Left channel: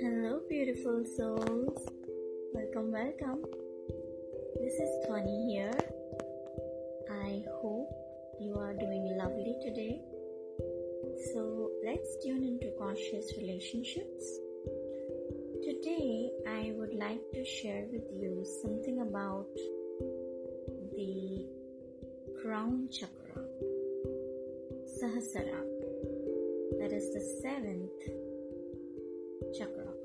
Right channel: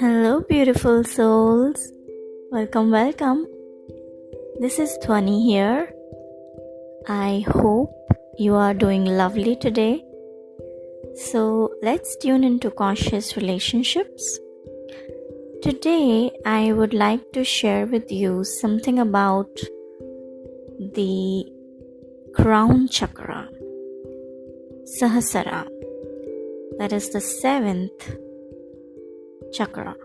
Hello, beautiful souls. Welcome. This is Dhwani here. I hope you are doing lovely today. So, let's tune into Conscious Relationships. Today, I would like to share with you something about the crown chakra, Sahasara. That is the seventh chakra.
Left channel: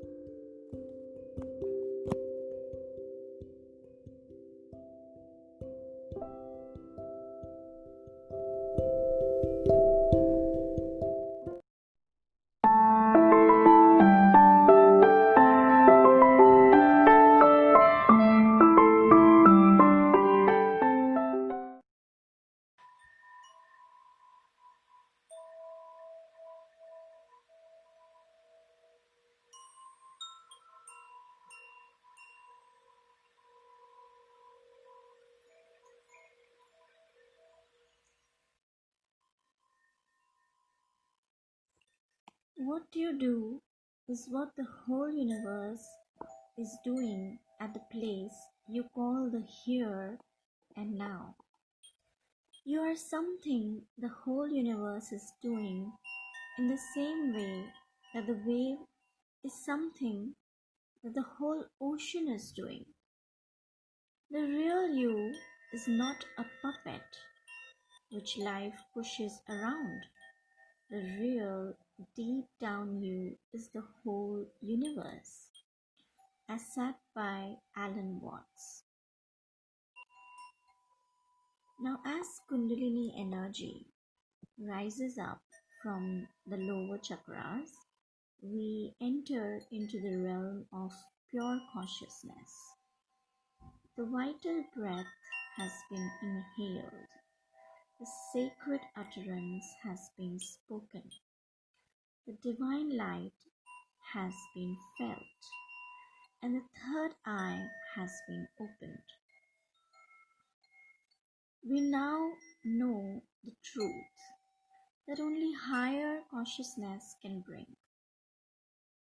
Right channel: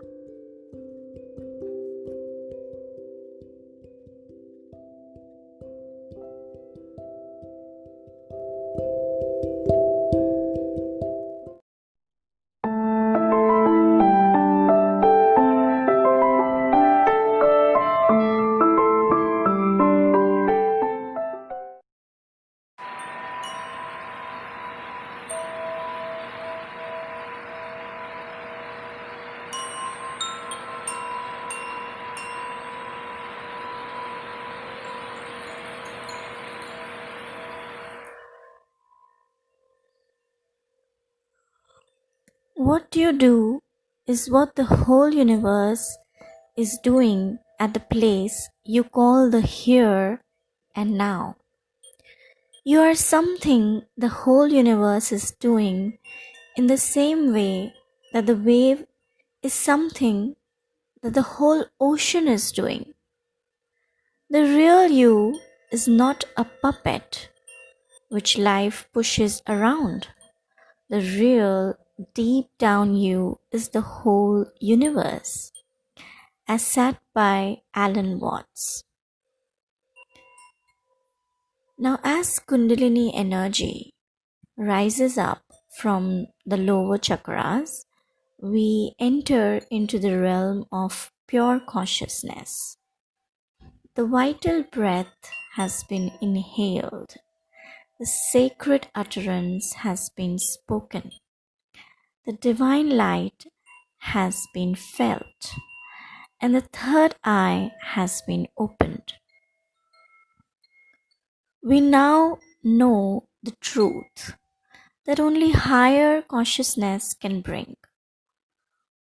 What you do is what the whole universe is doing at the place you call the here and now. You are something the whole universe is doing in the same way that the wave is something that the whole ocean is doing. The real you is not a puppet which life pushes around. The real deep down you is the whole universe, as said by Alan Watts. Now, as Kundalini energy rises up from the lower chakras, we enter into the realm of pure consciousness. The vital breath has been inhaled. The sacred utterance has been spoken. The divine light has been felt, and the third eye has been opened. We now know the truth that only higher consciousness can bring.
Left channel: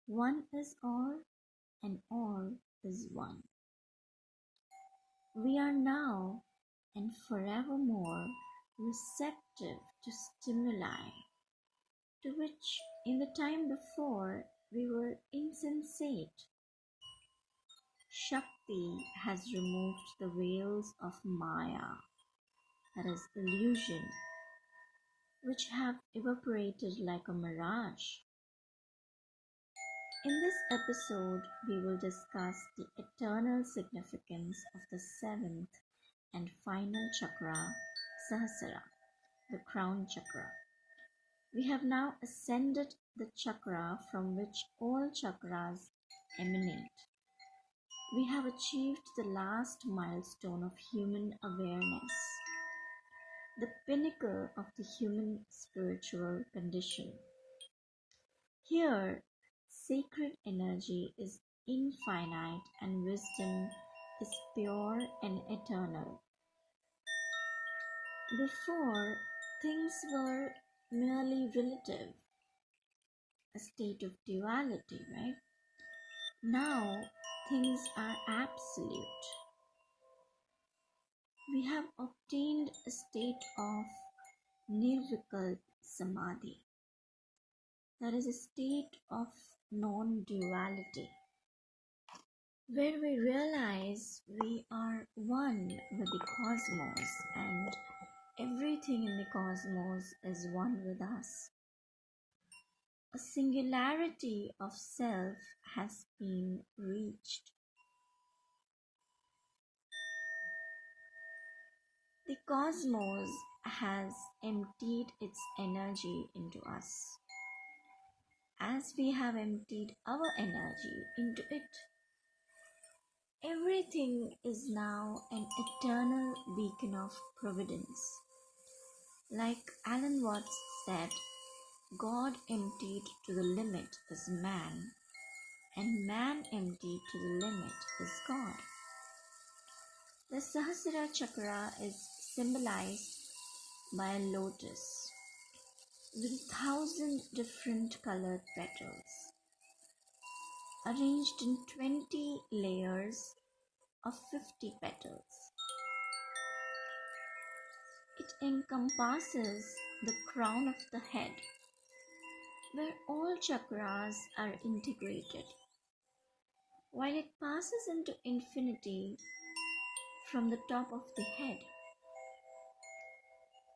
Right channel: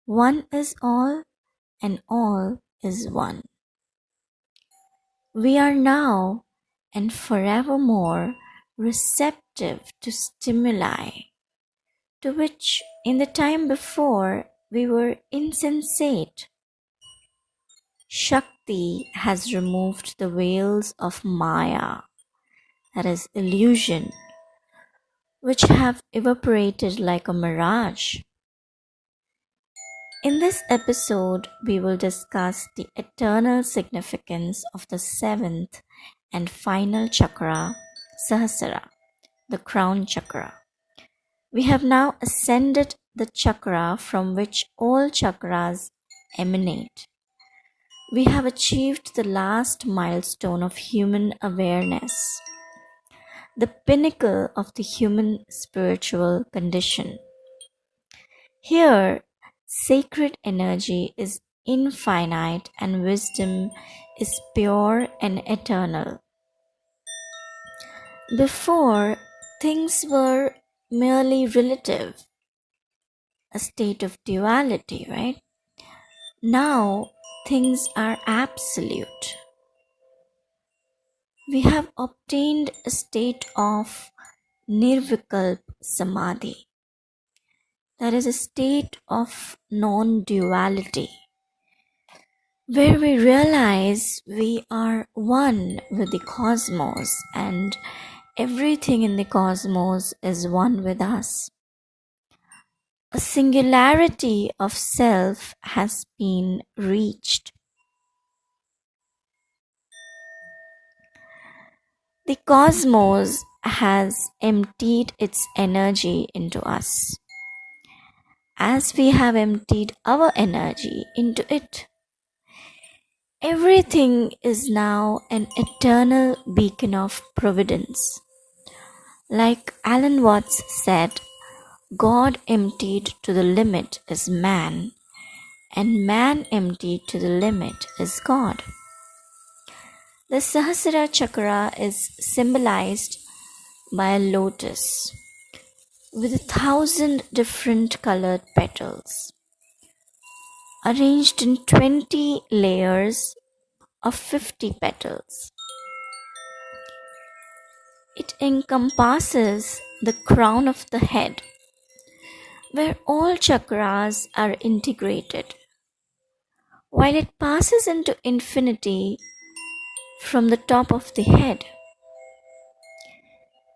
One is all, and all is one. We are now and forevermore receptive to stimuli, to which in the time before we were insensate. Shakti has removed the veils of Maya, that is illusion, which have evaporated like a mirage. In this episode, we will discuss the eternal significance of the seventh and final chakra, Sahasara, the crown chakra. We have now ascended the chakra from which all chakras emanate. We have achieved the last milestone of human awareness, the pinnacle of the human spiritual condition. Here, sacred energy is infinite and wisdom is pure and eternal. Before, things were merely relative, a state of duality, right? Now, things are absolute. We have obtained a state of nirvikalp samadhi, that is a state of non-duality, where we realize we are one with the cosmos and everything in the cosmos is one with us. A singularity of self has been reached. The cosmos has emptied its energy into us, as we have emptied our energy into it. Everything is now an eternal beacon of providence. Like Alan Watts said, God emptied to the limit is man, and man emptied to the limit is God. The Sahasara chakra is symbolized by a lotus with 1,000 different colored petals. arranged in 20 layers of 50 petals. It encompasses the crown of the head, where all chakras are integrated, while it passes into infinity from the top of the head.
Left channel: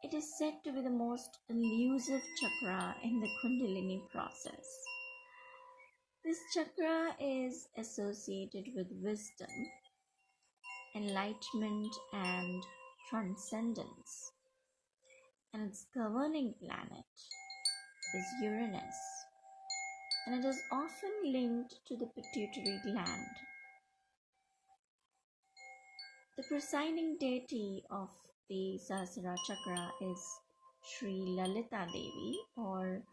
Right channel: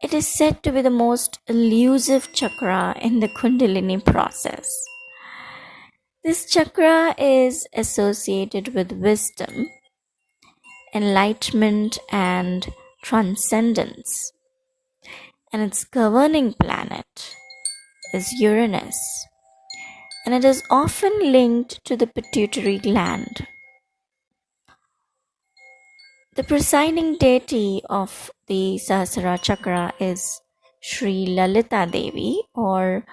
It is said to be the most elusive chakra in the Kundalini process. This chakra is associated with wisdom, enlightenment, and transcendence, and its governing planet is Uranus, and it is often linked to the pituitary gland. The presiding deity of the Sahasara chakra is Sri Lalita Devi, or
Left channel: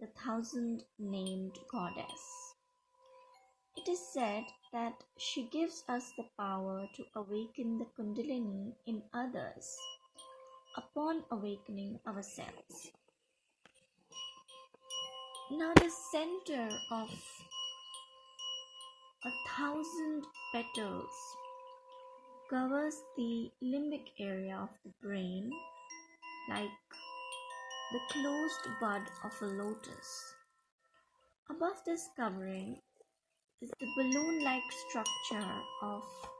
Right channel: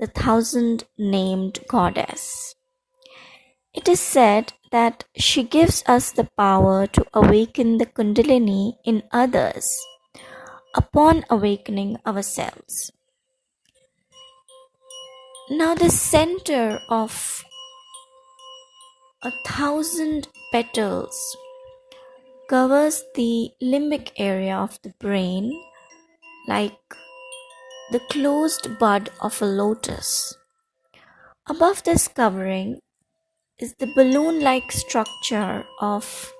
the thousand named goddess. It is said that she gives us the power to awaken the Kundalini in others upon awakening ourselves. Now, the center of 1,000 petals covers the limbic area of the brain like the closed bud of a lotus. Above this covering is the balloon like structure of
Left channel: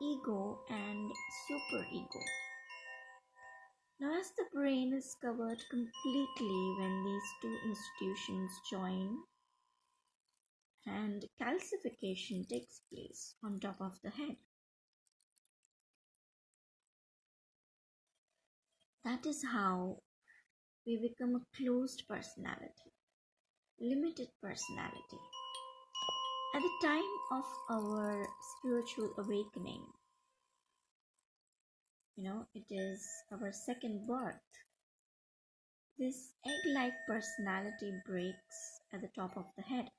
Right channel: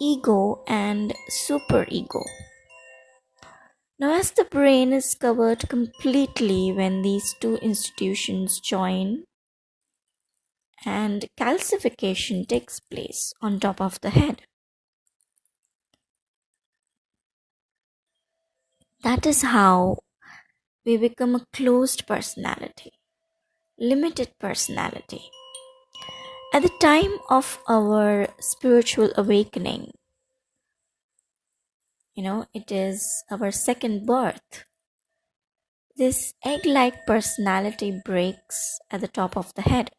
ego and superego. Now, as the brain is covered completely when these two institutions join, and calcification takes place on top of the head. That is how we become a closed personality, limited personality. At the time of our spiritual awakening, it is our second birth. This egg like personality breaks at the top of the head.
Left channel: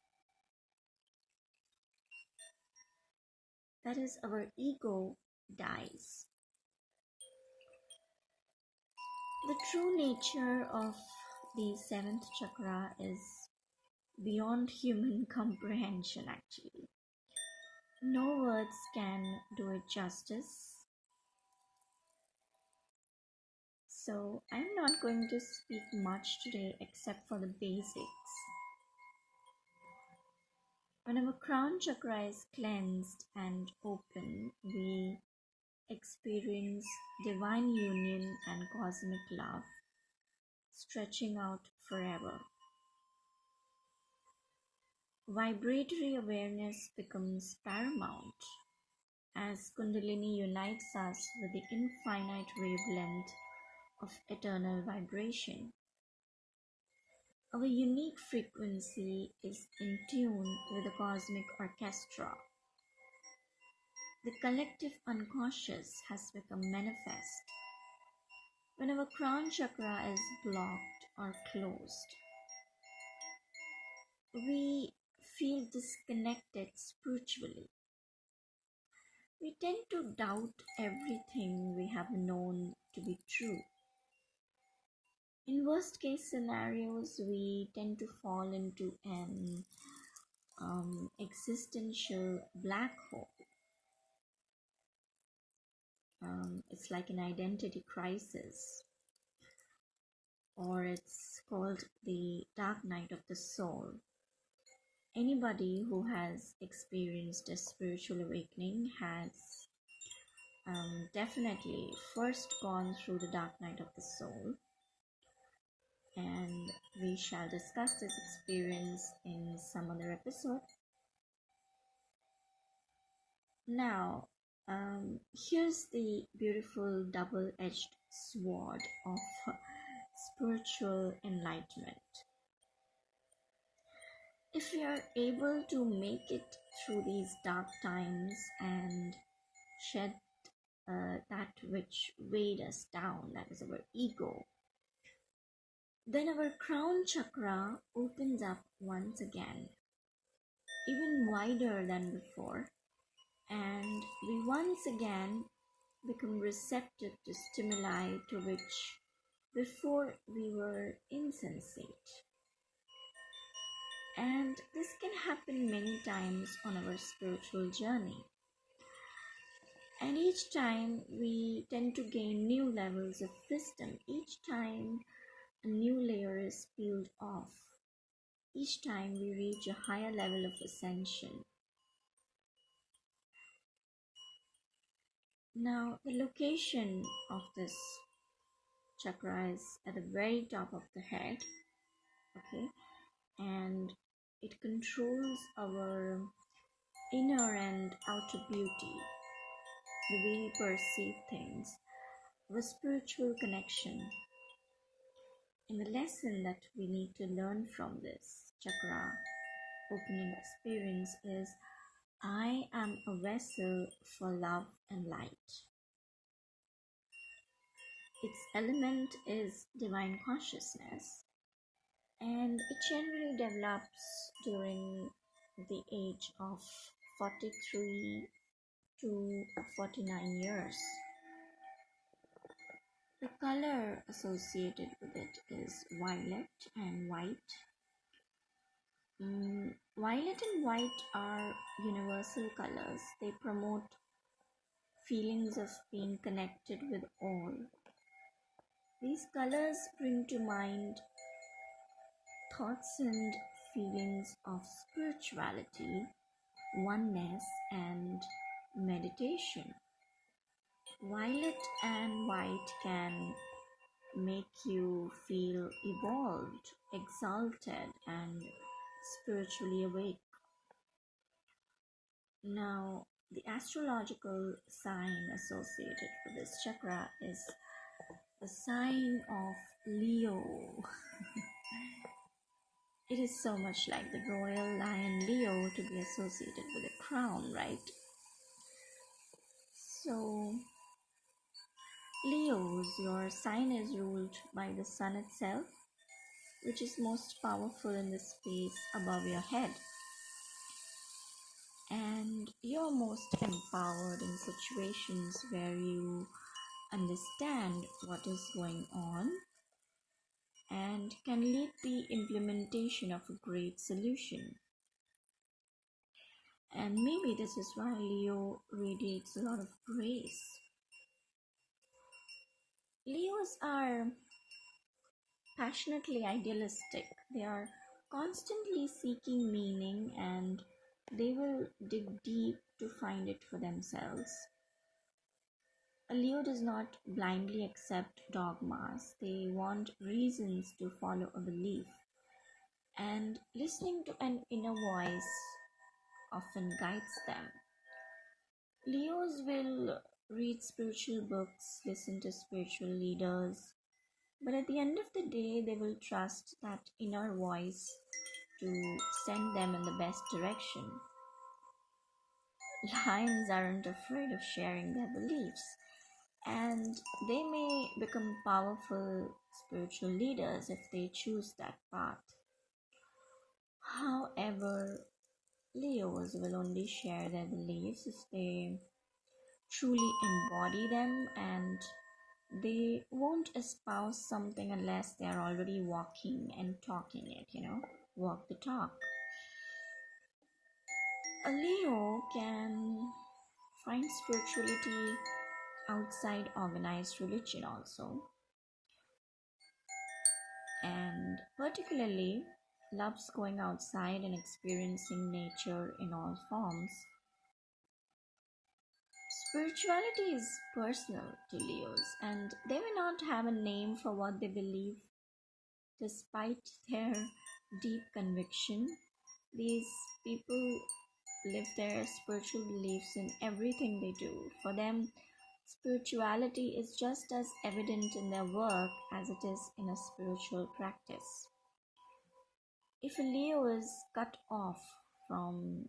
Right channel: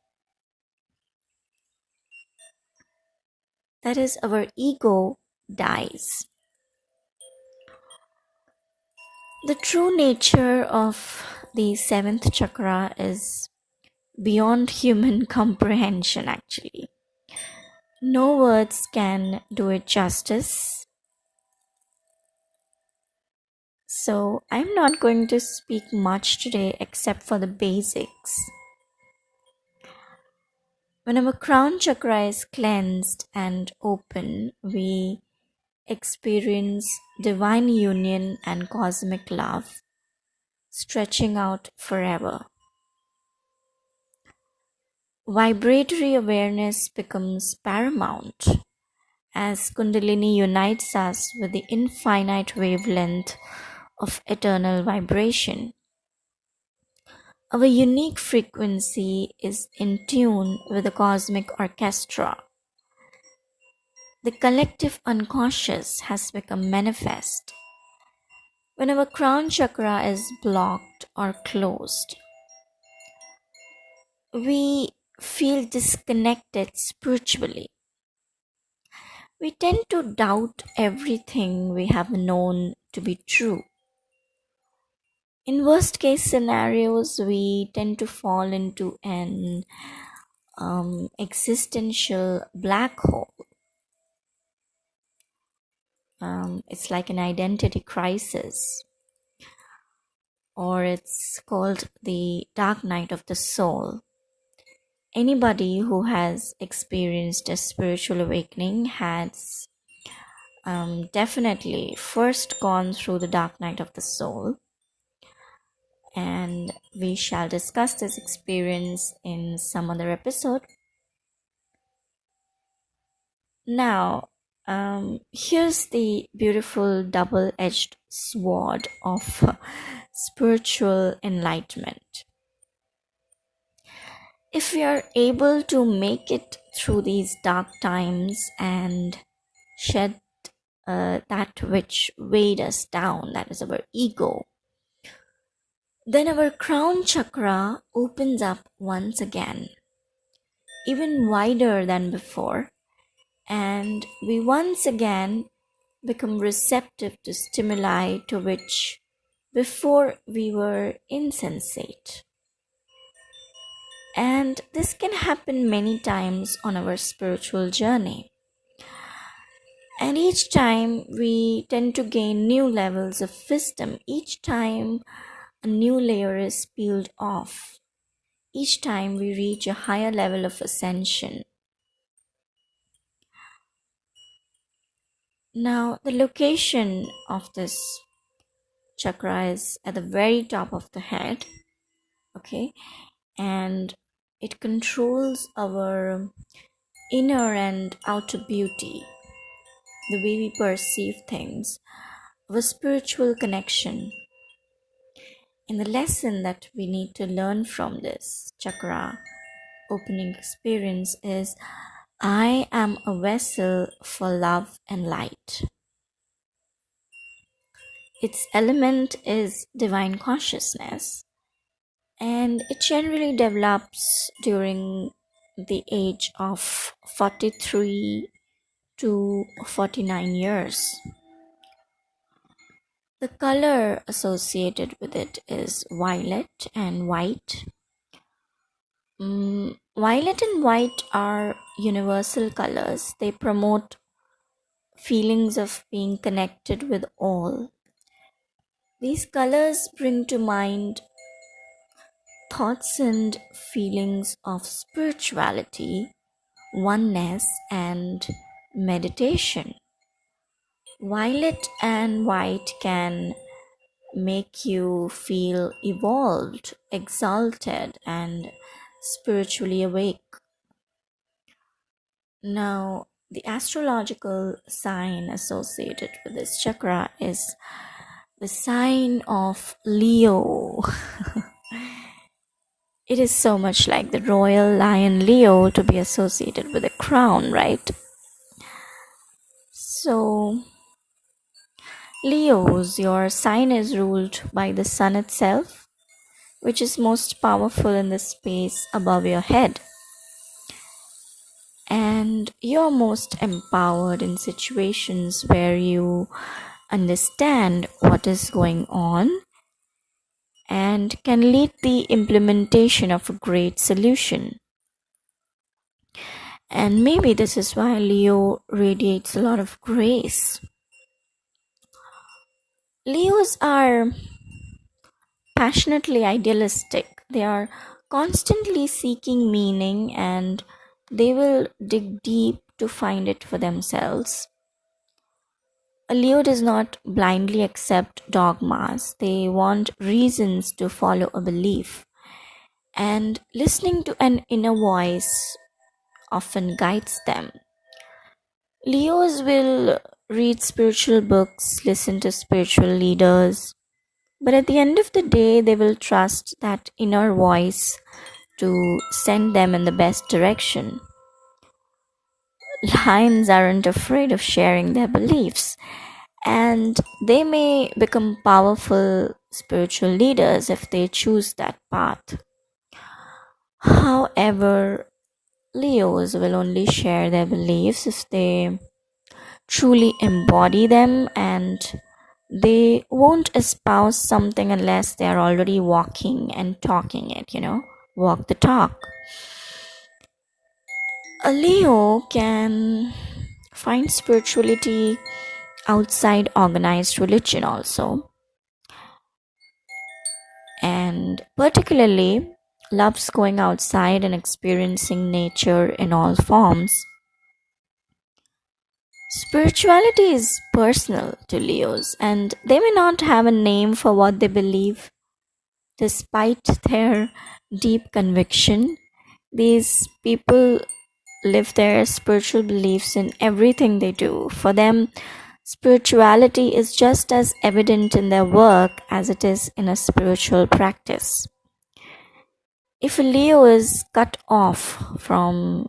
That is, our ego dies. The true nature of the seventh chakra is beyond human comprehension, actually. No words can do it justice. So, I'm not going to speak much today except for the basics. When our crown chakra is cleansed and open, we experience divine union and cosmic love stretching out forever. Vibratory awareness becomes paramount as Kundalini unites us with the infinite wavelength of eternal vibration. Our unique frequency is in tune with the cosmic orchestra. The collective unconscious has become manifest. When our crown chakra is blocked or closed, we feel disconnected spiritually. We tend to doubt everything we have known to be true. In worst case scenarios, we tend to fall into an existential black hole. It's like an identity crisis, or it's called the dark night of the soul. Anybody who has experienced a spiritual awakening has definitely first gone through the dark night of the soul, and we shall discuss this experience in some other episode. Now, here's the beautiful double-edged sword of spiritual enlightenment. If we are able to make it through these dark times and shed that which weighed us down, that is our ego, then our crown chakra opens up once again, even wider than before, and we once again become receptive to stimuli to which before we were insensate. And this can happen many times on our spiritual journey. And each time we tend to gain new levels of wisdom. Each time a new layer is peeled off. Each time we reach a higher level of ascension. Now, the location of this chakra is at the very top of the head, okay, and it controls our inner and outer beauty, the way we perceive things, our spiritual connection. And the lesson that we need to learn from this chakra opening experience is I am a vessel for love and light. Its element is divine consciousness, and it generally develops during the age of 43 to 49 years. The color associated with it is violet and white. Violet and white are universal colors. They promote feelings of being connected with all. These colors bring to mind thoughts and feelings of spirituality, oneness, and meditation. Violet and white can make you feel evolved, exalted, and spiritually awake. Now, the astrological sign associated with this chakra is the sign of Leo. It is so much like the royal lion Leo to be associated with a crown, right? So, Leos, your sign is ruled by the sun itself, which is most powerful in the space above your head. And you're most empowered in situations where you understand what is going on and can lead the implementation of a great solution. And maybe this is why Leo radiates a lot of grace. Leos are passionately idealistic. They are constantly seeking meaning and they will dig deep to find it for themselves. A Leo does not blindly accept dogmas. They want reasons to follow a belief. And listening to an inner voice often guides them. Leos will read spiritual books, listen to spiritual leaders, but at the end of the day, they will trust that inner voice to send them in the best direction. Lions aren't afraid of sharing their beliefs, and they may become powerful spiritual leaders if they choose that path. However, Leos will only share their beliefs if they truly embody them, and they won't espouse something unless they are already walking and talking it, walk the talk. A Leo can find spirituality outside organized religion also, and particularly loves going outside and experiencing nature in all forms. Spirituality is personal to Leos, and they may not have a name for what they believe. Despite their deep conviction, these people live their spiritual beliefs in everything they do. For them, spirituality is just as evident in their work as it is in a spiritual practice. If a Leo is cut off from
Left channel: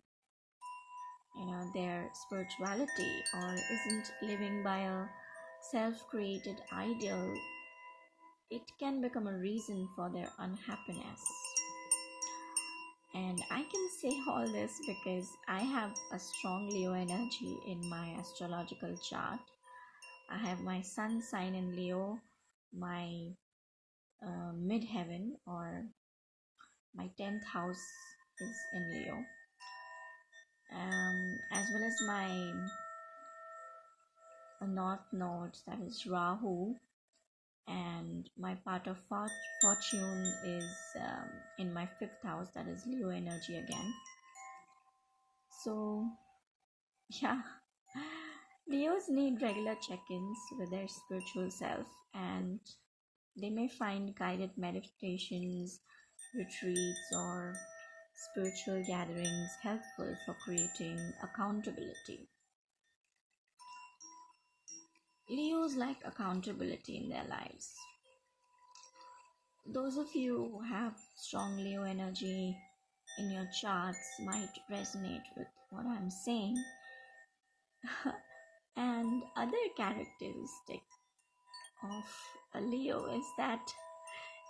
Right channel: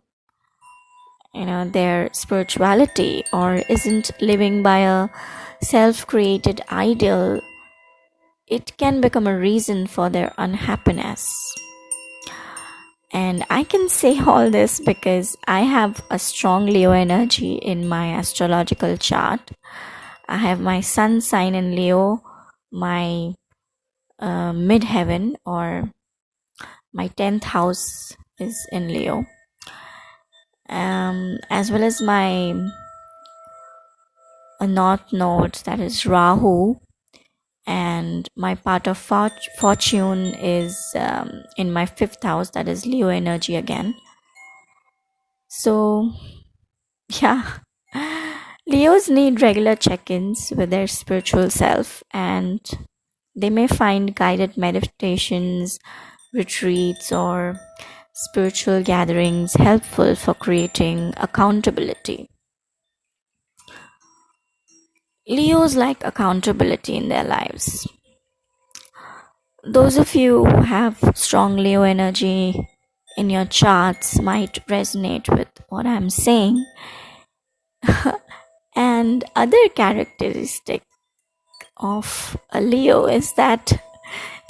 their spirituality or isn't living by a self-created ideal, it can become a reason for their unhappiness. And I can say all this because I have a strong Leo energy in my astrological chart. I have my sun sign in Leo, my midheaven or my 10th house is in Leo, as well as my North Node, that is Rahu, and my part of fortune is in my 5th house, that is Leo energy again. So yeah, Leos need regular check-ins with their spiritual self, and they may find guided meditations, retreats, or spiritual gatherings helpful for creating accountability. Leos like accountability in their lives. Those of you who have strong Leo energy in your charts might resonate with what I'm saying. And other characteristic of a Leo is that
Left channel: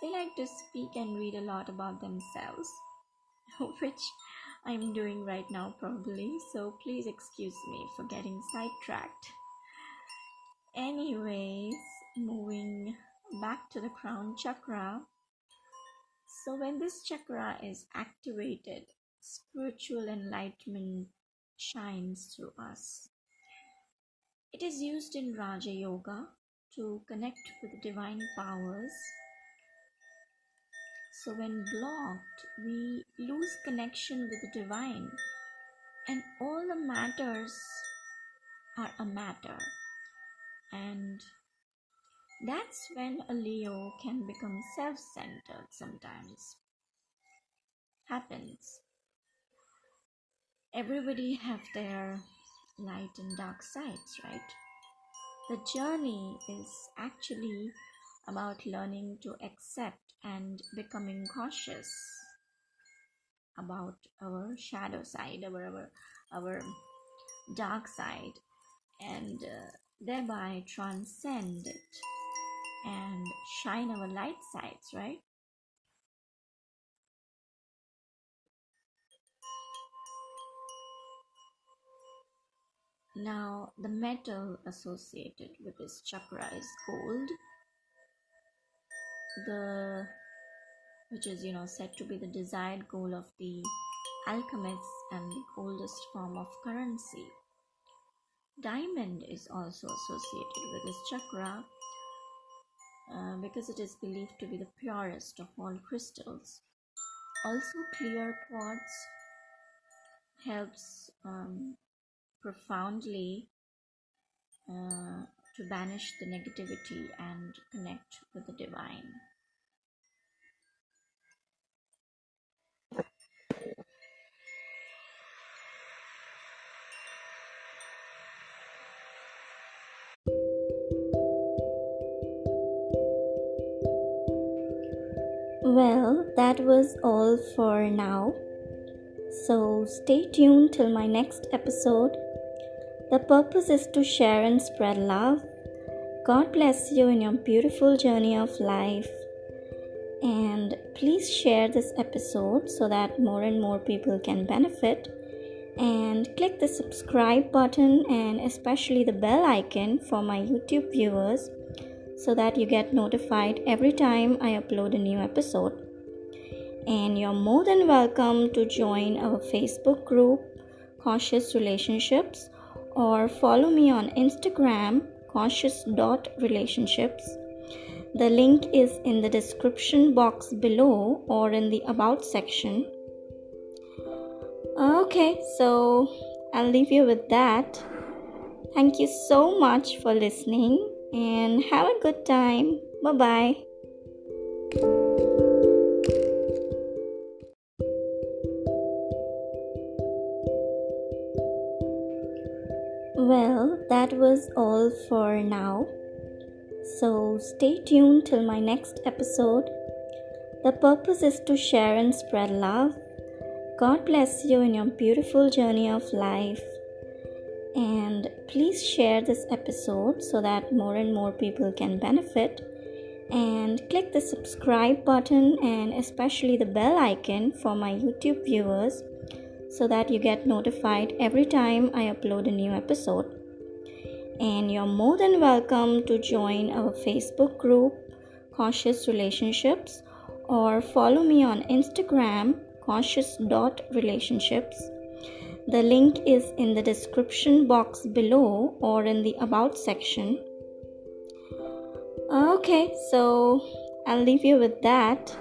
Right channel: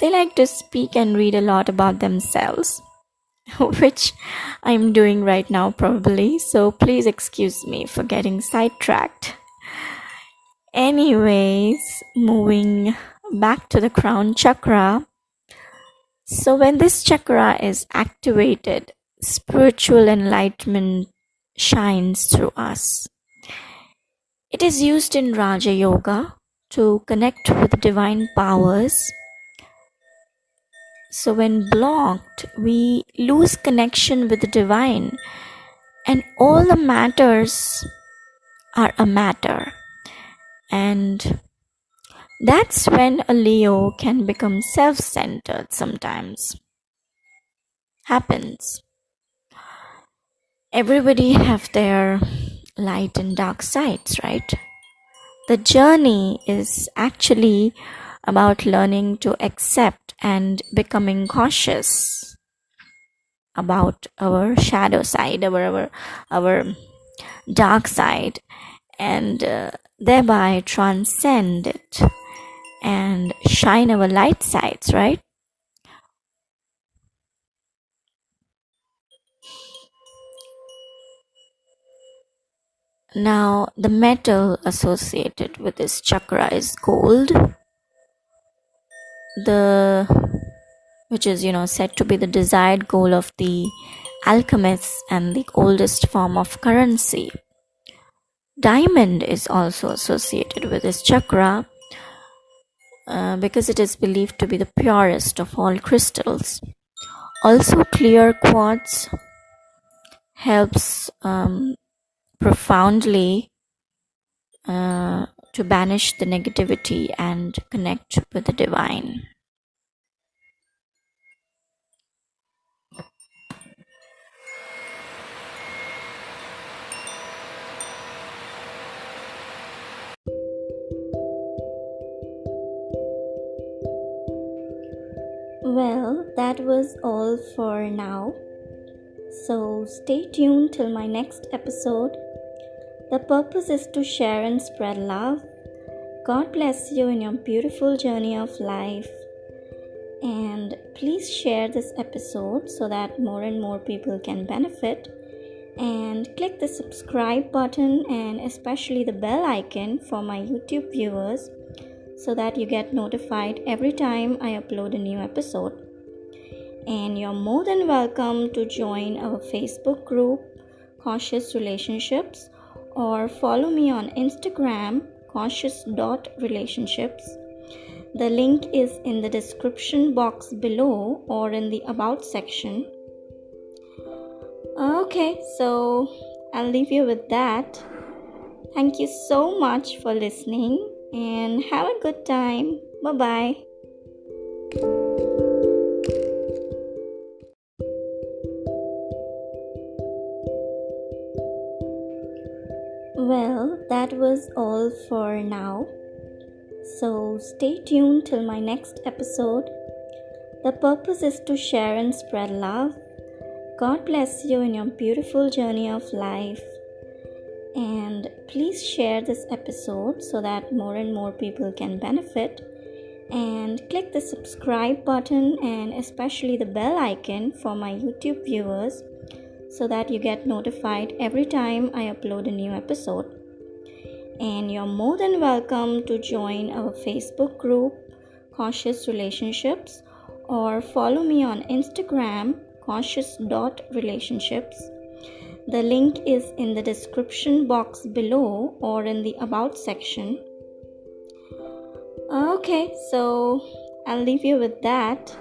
they like to speak and read a lot about themselves, which I'm doing right now probably, so please excuse me for getting sidetracked. Anyways, moving back to the crown chakra. So when this chakra is activated, spiritual enlightenment shines through us. It is used in Raja Yoga to connect with divine powers. So when blocked, we lose connection with the divine, and all the matters are a matter. And that's when a Leo can become self-centered sometimes. Happens. Everybody have their light and dark sides, right? The journey is actually about learning to accept and becoming cautious about our shadow side, our dark side, and thereby transcend it and shine our light sides, right? Now, the metal associated with this chakra is gold, which is said to be the desired goal of the alchemists and the oldest form of currency. Diamond is also associated with this chakra because it is believed to be the purest of all crystals. Also, clear quartz helps profoundly to banish the negativity and connect with the divine. Well, that was all for now. So stay tuned till my next episode. The purpose is to share and spread love. God bless you in your beautiful journey of life. And please share this episode so that more and more people can benefit. And click the subscribe button and especially the bell icon for my YouTube viewers so that you get notified every time I upload a new episode. And you're more than welcome to join our Facebook group, Conscious.Relationships, or follow me on Instagram, Conscious.Relationships. The link is in the description box below or in the About section. Okay, so I'll leave you with that. Thank you so much for listening and have a good time. Bye-bye. Well, that was all for now. So stay tuned till my next episode. The purpose is to share and spread love. God bless you in your beautiful journey of life. And please share this episode so that more and more people can benefit. And click the subscribe button and especially the bell icon for my YouTube viewers so that you get notified every time I upload a new episode. And you're more than welcome to join our Facebook group, Conscious.Relationships, or follow me on Instagram, Conscious.Relationships. The link is in the description box below or in the About section. Okay, so I'll leave you with that.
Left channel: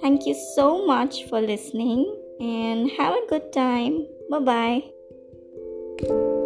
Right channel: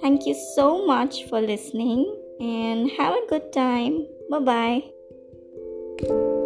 Thank you so much for listening and have a good time. Bye-bye.